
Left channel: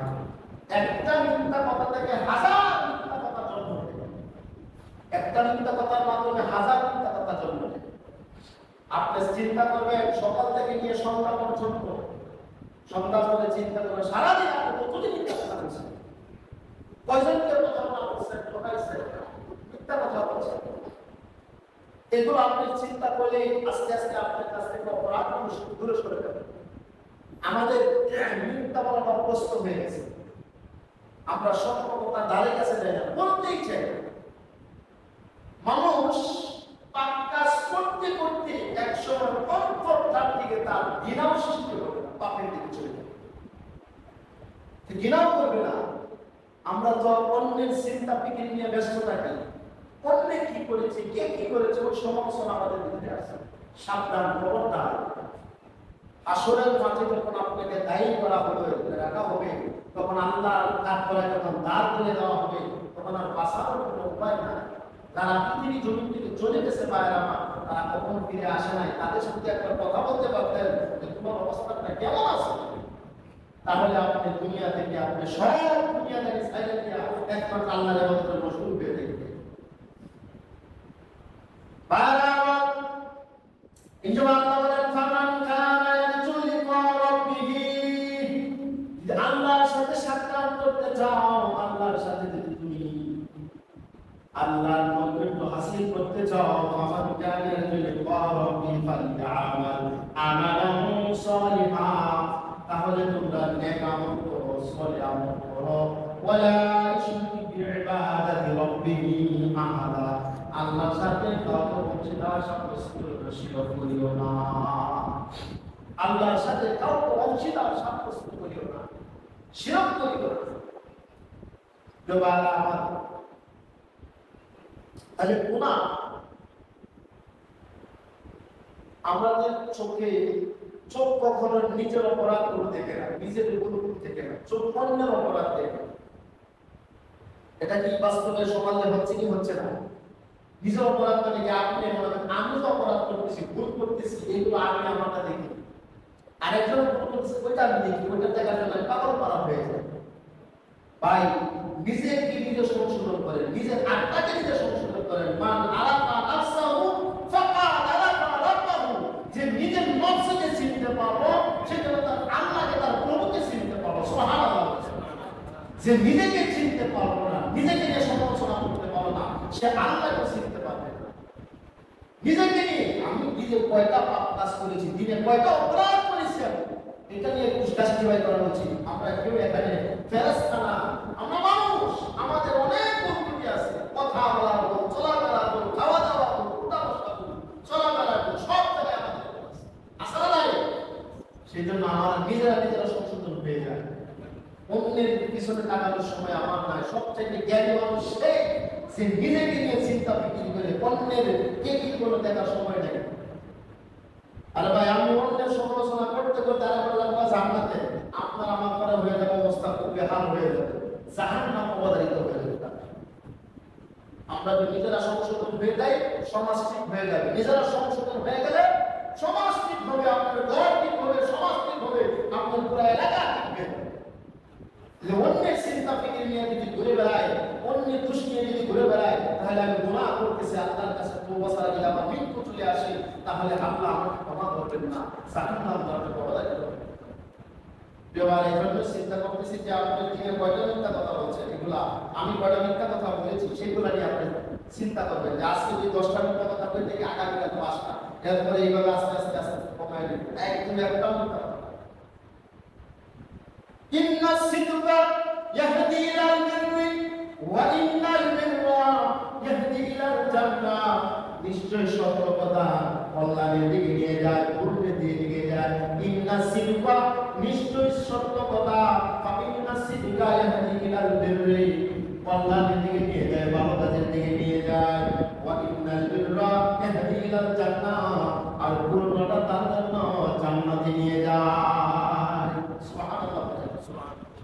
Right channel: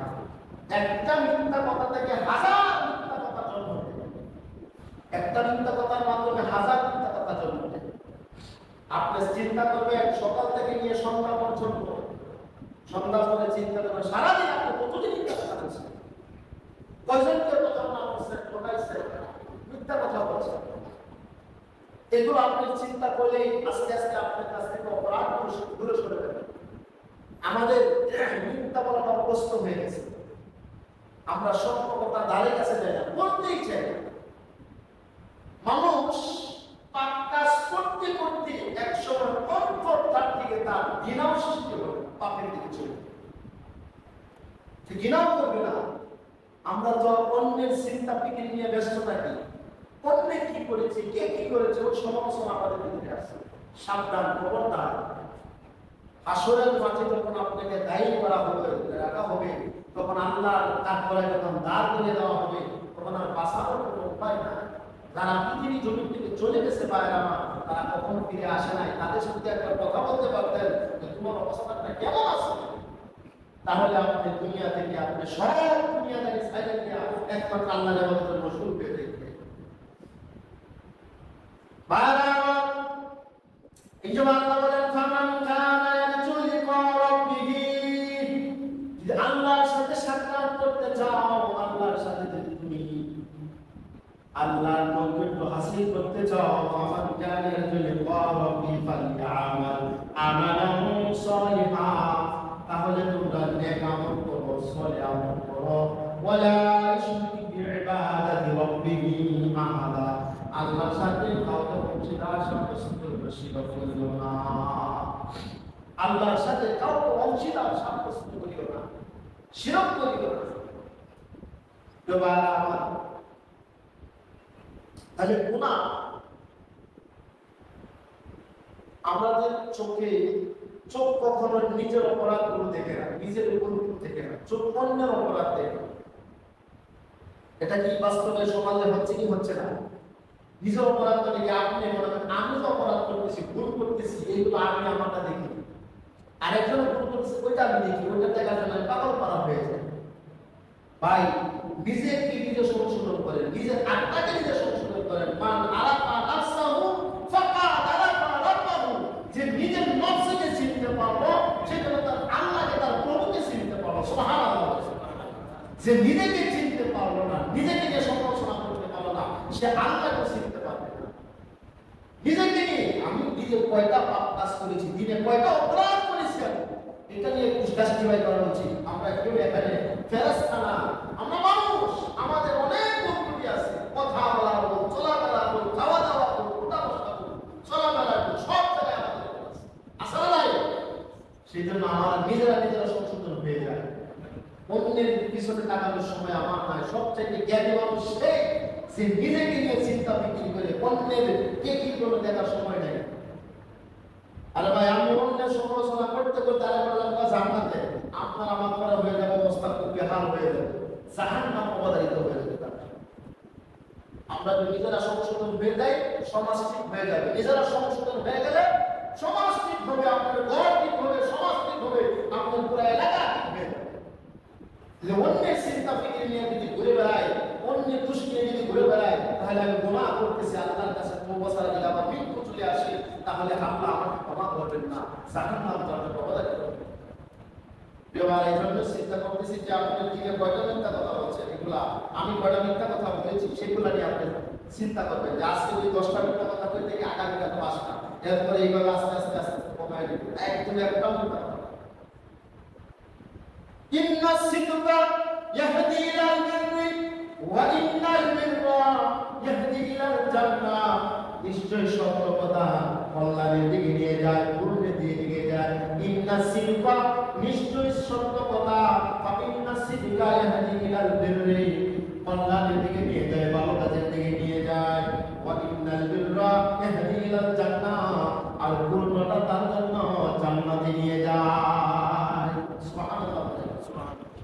একটা মিথ্যা কথা থেকে হাজার মিথ্যা কথা জন্ম নেয়, একটা মিথ্যা কথার মাধ্যমে হাজার মিথ্যা কথা জন্ম নেয়। আপনি চিন্তা করবেন সকাল থেকে নিয়ে সন্ধ্যা পর্যন্ত, সন্ধ্যা পরে চিন্তা করবেন সারাদিন আপনি কতটি মিথ্যা কথা বলছেন, কয়জনকে প্রতারণা করছেন, ঠকাইছেন, মিথ্যা কথা বলছেন। এগুলো আপনি চিন্তা করলে আস্তে আস্তে আপনার কাছ থেকে অপরাধ দূরে সরে যাবে। আমাদের মিথ্যা বলাটা অভ্যস্ত হয়ে গেছে, আমরা সত্য কথা দাঁড়িয়ে কাছে যাই না, বলতেই চাই। মানুষ পাপ কাজ করতে করতে একসময় অন্তর্ধার দিকে তার ঘৃণাও সৃষ্টি হবে, পাপের দিকে চলে যাবে, ঘৃণাও করবে না। আমরা তো অন্যের চিন্তা ফিকির নিয়ে ব্যস্ত থাকি। অন্যে কি করেছে, কে কি করেছে, ওই সমালোচনা আমাদের দিকে আছে। সাবধান, খবরদার। হাসরের মাঠে যখন আপনাকে দায়ী করা হবে, রাখা হবে, তখন আল্লাহর তারপরে যখন দাঁড় করে দেওয়া হবে, তখন আর বাঁচানোর কোনো উপায় না। যারা পৃথিবী জমি থেকে চলে গেছে পায় না, তারা কখনো ফিরে আসে নাই, তাদের সাথে একটা কথা বলতে পারতেন যে তোমার অবস্থাটা কেমন আছে। তাহলে আপনি দুনিয়া থেকে আপনি সব দুনিয়াদারি ছাইড়ে দিয়ে একমাত্র আল্লাহর ইবাদতে মশগুল হয়ে থাকবেন। বারবার এই যে আল্লাহ বলেন ফামান কানা ইয়ারজু লিকা রাব্বিহি, যদি আল্লাহর সাথে সাক্ষাৎ করতে চাও, আল্লাহর সাথে যদি তুমি আল্লাহর নৈকট্য হাসিল করতে চাও, ফামান কানা ইয়ারজু লিকা রাব্বিহি ফালইআমাল আমালান সালিহান, তাহলে তোমরা নেক আমল করো, সলিহ আমল করো। ওয়ালা ইউশরিকু বিইবাদাতি রাব্বিহি আহাদা, আল্লাহর সাথে কাউকে অংশীদার সাব্যস্ত করিও না। আল্লাহর সাথে কাউকে অংশীদার সাব্যস্ত করিও না, শিরক করিও না। তাহলে গুনাহ আমাদের চোখে, চোখ কখনো নিজের অপরাধ গুলো দেখে না, নিজের উপর দেখে না, চোখ অন্যের অপরাধ দেখে। এটা কি বাস্তবে সমাজে হচ্ছে কি হচ্ছে না? নিজের অপরাধ দেখে আপনি মনে করেন আমি তো অপরাধ করতেছি, ভুল করতেছি, এইগুলো আমি আমারটা দেখি, আরেকজন ভুল করতেছে ওইটা আমি দেখি, ওইটা দেখা যায় পাগল করা হয়ে যায়। ভাই নিজে নিজে সংশোধন করেন, নিজের আত্মাকে নিজে সংশোধন করেন। মান আরাফা নাফসাহু ফাকাদ আরাফা রাব্বাহু, যে নিজের নফসকে চিনতে পারলো সে যেন তার আল্লাহকে, তার প্রভুকে চিনতে পারলো। সুবহানাল্লাহ। যে নিজেকে চিনতে পারলো না, নিজেকে নিয়ে সমালোচনা করতে পারলো না, সে আল্লাহকে চিনতে পারবে না। নিজেকে নিয়ে আমি দিনে কয়টা পাপ কাজ করেছি, দিনে কয়টা অপরাধ করেছি, এটা নিয়ে জাস্টিফাই করা উচিত। আমরা কেউ এখানে ফেরেশতা না, আমরা মানুষ, আমাদের অনেক ভুল আছে, কথা বলা ভুল, চলাফেরা ভুল, খাওয়া দাওয়া ভুল, উঠা বসা ভুল, চলাফেরা ভুল, সব জায়গায় আমাদের আসলে নাই। সেই জন্য আমাদের নিজেরা সংশোধন হয়ে যায়। অন্যের পিছনে তাকানোর সময় আমার নয়, সবচেয়ে জ্ঞানী মানুষ সে, যে নিজেকে নিয়ে চিন্তা বিক্রি করে অন্যের কে কি করে দেখার সময় নেই। আরে ভাই, আমি অন্যের সমালোচনা করতে করতে জান্নাতে আপনার আমার পরে হয়ে যাবে, অবস্থা খুব বেহাল হয়ে যাবে, জাহান্নাম অবধারিত হয়ে যাবে। আমরা যদি নিজেরা সংশোধন হয়ে যাই, সমাজ ঠিক হয়ে যাবে। নিজেরা সংশোধন হয়ে গেলে সমাজ ঠিক হবে, আপনার ঘর ঠিক হবে, সমাজ ঠিক হবে, আপনার পুরো এলাকা ঠিক হয়ে যাবে। অন্যের চিন্তা ফিকির নিয়ে যদি ঘুরে বেড়ায়, অন্যের দোষ নিয়ে যদি ঘুরে বেড়ায়, তাহলে আমি গুনাহ করতেছি, আল্লাহর কাছে তওবা ছাড়া যদি আমার মৃত্যু চলে আসে, তাহলে আল্লাহ আমাকে ক্ষমা করবেন না, জাহান্নাম যাবে বলা যাবে। এই জন্য চিন্তা করতেছি যে আপনি দিনে কয়টা মিথ্যা কথা বলছেন, এগুলা আমি কয়টা মিথ্যা কথা বলেছি সেগুলা নিয়ে আপনি চিন্তা করবেন যে আজকে যদি 10টা মিথ্যা কথা বলতে থেকে আগামীকাল 5টা, এরপরে এইভাবে আস্তে আস্তে আস্তে কমাই দেব, একদম একটা মিথ্যা। ইন্না সিদকা ইয়াহদি ইলাল বিররি ওয়া ইন্নাল বিররা ইয়াহদি ইলাল জান্নাহ, নিশ্চয় সততা কল্যাণের দিকে নিয়ে যায়, পূর্ণের দিকে নিয়ে যায়। ইন্না সিদকা, নিশ্চয় সততা, ইন্না সিদকা ইয়াহদি ইলাল বিররি, কল্যাণের দিকে নিয়ে যায়, ভালো কাজের দিকে নিয়ে যায়। ওয়া ইন্নাল বিররা ইয়াহদি ইলাল জান্নাহ, আর পূর্ণতা তার জন্য জান্নাতে নিয়ে যায়। সুবহানাল্লাহ।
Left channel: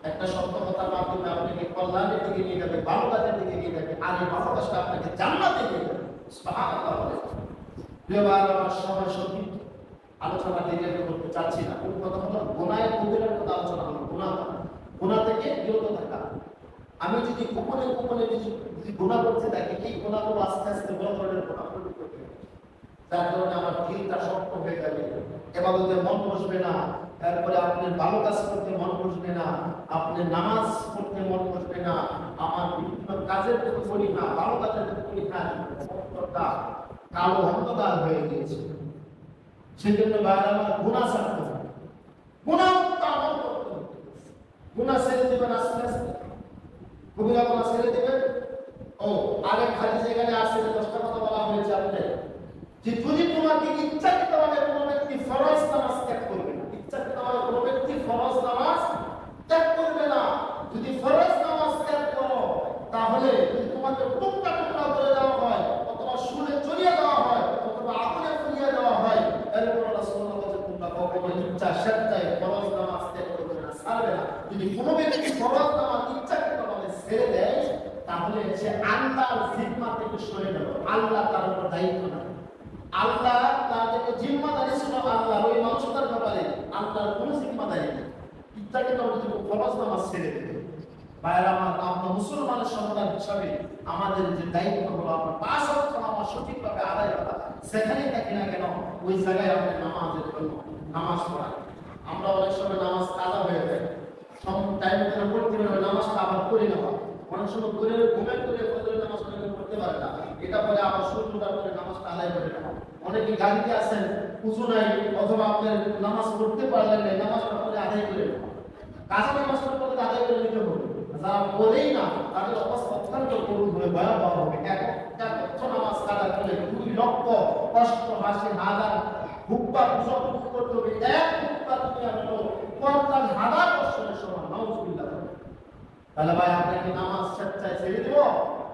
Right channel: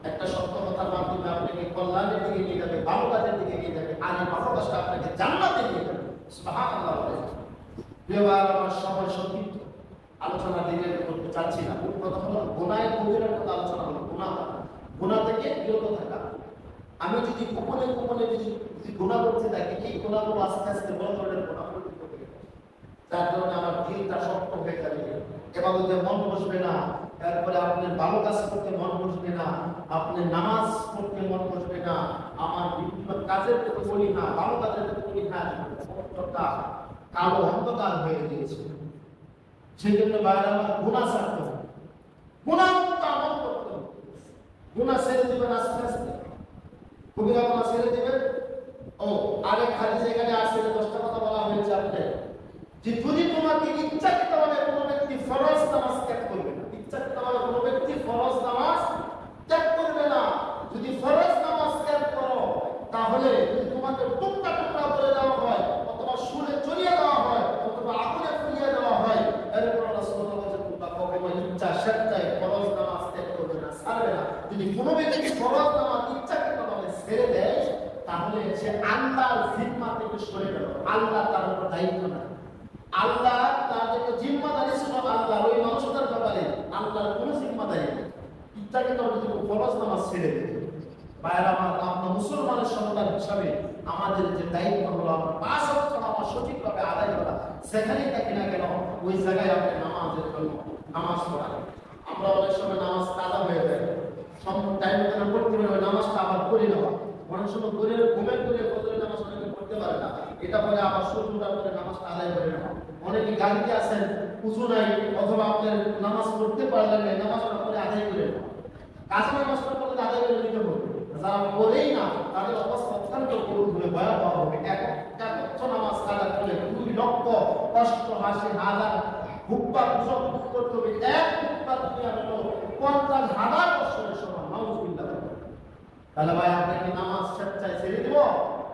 একটা সত্য কথার মাধ্যমে আপনাকে কল্যাণের দিকে নিয়ে যাবে, ভালো কাজের দিকে নিয়ে যাবে, আর এই ভালো কাজটা আপনাকে জান্নাতে নিয়ে যাবে। সুবহানাল্লাহ। এবার আমরা সবাই সঠিক আলোচনা দিকে করতে চাচ্ছি না। কোন কথা হলো গুনাহের কবিরার কথা আলোচনা হলো, গুনাহ থেকে বিরত থাকা। আমি যদি গোপনে যদি গুনাহ করতে থাকি, এই গুনাহগুলো আস্তে আস্তে বড় ধরনের গুনাহ করতে থাকবে, যার কারণে আমার দিলটা শক্ত হয়ে যাবে, ইবাদতে মন বসবে না, তারপরে আপনি ভালো কাজ করতে মন বসবে না, আপনি নামাজ পড়তে মন বসবে না, আমার বিভিন্ন কাজের প্রতি করি না, ভালো কাজের প্রতি করি না, অন্তরটা কালো অন্ধকার হয়ে গিয়েছে। সেজন্য বাইরে আমার গুনাহ ছাড়তে হবে, গুনাহ মুক্ত আমল করতে হবে। গুনাহ ছেড়ে দেবেন আস্তে আস্তে, কবিরা গুনাহ ছেড়ে দেবেন। ও আগে হাদিসে এখানে আছে যে 10টা কথা বলা হয়েছে আপনাদের, যে যদি তোমাকে ইচ্ছাকৃতভাবে কোনো ব্যক্তি ফরজ নামাজ ত্যাগ করবে, ইচ্ছাকৃতভাবে কোনো ব্যক্তি ফরজ নামাজ ত্যাগ করবে না, যদি ফরজ নামাজ ত্যাগ তাহলে তোমাকে টুকরা টুকরা করে দেওয়া হয়, অথবা সুরে চড়িয়ে দেওয়া হয়, অথবা আগুনে পুড়িয়ে দেওয়া হয়, এরপর আল্লাহ সুবহানাহু ওয়া তাআলা তোমরা কখনো ইচ্ছা স্বেচ্ছায় ফরজ নামাজ ত্যাগ করবে না, ছাড়বে না। যদি কোনো ব্যক্তি ফরজ নামাজ ইচ্ছাকৃতভাবে ছেড়ে দেয়, তাহলে সে আল্লাহর জিম্মা থেকে সরে গেল, আল্লাহ তার উপর দায়িত্ব না। আল্লাহ তাদেরকে জিম্মাদারি ছিল আল্লাহর ওই মানুষটার ব্যাপারে, আল্লাহর কোনো জিম্মাদারি নেই। ইচ্ছাকৃতভাবে যদি ফরজ নামাজ ছেড়ে দেয়, বাইরে আমরা মুসলমানের সন্তান হিসাবে আমাদের যে দায়িত্ব হলো 5 ওয়াক্ত নামাজ সঠিকভাবে আদায় করা, সেখানে থাকি না কেন ওই জায়গায় আমাদের নামাজের জন্য নামাজ পড়া। আমরা অনেক সময় নামাজ কাজা হয়ে যায়, টাইম করে পড়তে হবে, নামাজটা আবার করে নেওয়া, অনেক সময় ঘুমের করে ফজরের নামাজ পড়তে পারে না, এটা পরে আবার সূর্যটা করে নামাজটা আদায় করে নেওয়া। অনেকে গাড়িতে আছেন, উঁচু নাই, অথবা আপনার নামাজ পড়তে পারলেন না, নামাজটা করে আদায় করে নেওয়া। কাজে নামাজটা করে আদায় করে নিতে হবে। যারা বলেই না, তাদের অবস্থা অত্যন্ত করুণ হয়ে ভয়াবহ হবে। একটা নামাজ কাজা করলে 2 লক্ষ 88,000 হুক্কা পূজা করতে হবে। এক হুক্কা তুমি আসলো 50,000 বছরের সমান। নাউযুবিল্লাহ। তাহলে ভাই আপনাকে নামাজ স্বেচ্ছায় ছেড়ে দেব,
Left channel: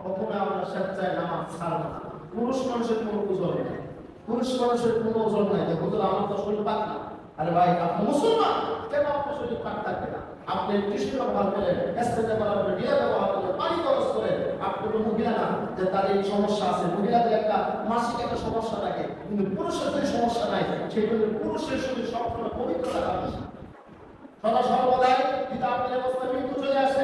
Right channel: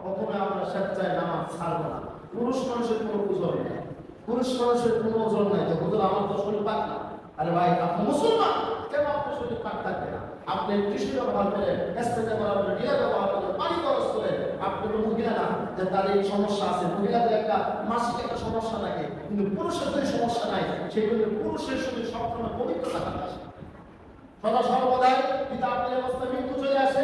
প্রথমে আমরা স্বেচ্ছায় নামাজ ছাড়ব না। পুরুষ মানুষের কোনো ওজন নেই, পুরুষ মানুষের কোনো ওজন নাই। তো হুজুর আমার তো শরীর পাক না। আরে ভাই আপনি মুসলমান, কেন আপনার শরীর পাক থাকবে না? আপনি কৃষি ব্যবহার করেন, স্থানীয় ব্যবহার করেন, বিয়ে ব্যবহার করেন, পানি খরচ করেন। আপনি কোনো মহিলা না যে তার এই সমস্যা আছে, মহিলাদের একটা মাসিক একটা সমস্যা থাকে, কিন্তু পুরুষের কোনো সমস্যা নাই। সেই জন্য পুরুষের শরীর সবসময় পবিত্র রাখা উচিত। সদা সর্বদাই যদি আপনার অবস্থা মৃত্যু চলে আসে,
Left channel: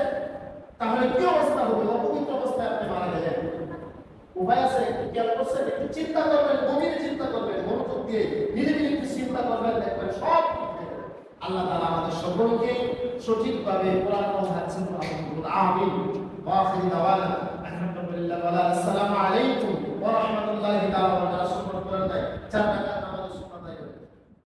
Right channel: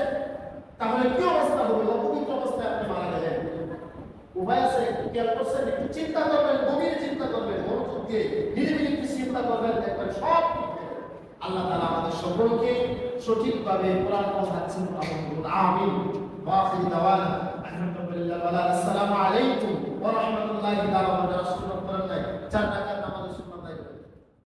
তাহলে কি অবস্থা হবে? অপবিত্র অবস্থায় আপনি মারা গেলেন। উভয় আছে, একটু খেয়াল করছেন, একটু চিন্তা করবেন, গভীরে চিন্তা করবেন, মনোযোগ দিয়ে নিরিবিলি একটু চিন্তা করবেন, দেখবেন সব ঠিক হয়ে যাবে। আল্লাহ তাআলা আমাদের সকলকে সঠিকভাবে কোরআন পড়াচ্ছেন। আমিন। ওয়া আখিরু দাওয়ানা আলহামদুলিল্লাহ ওয়া আসসালামু আলাইকুম ওয়া রাহমাতুল্লাহি ওয়া বারাকাতুহু।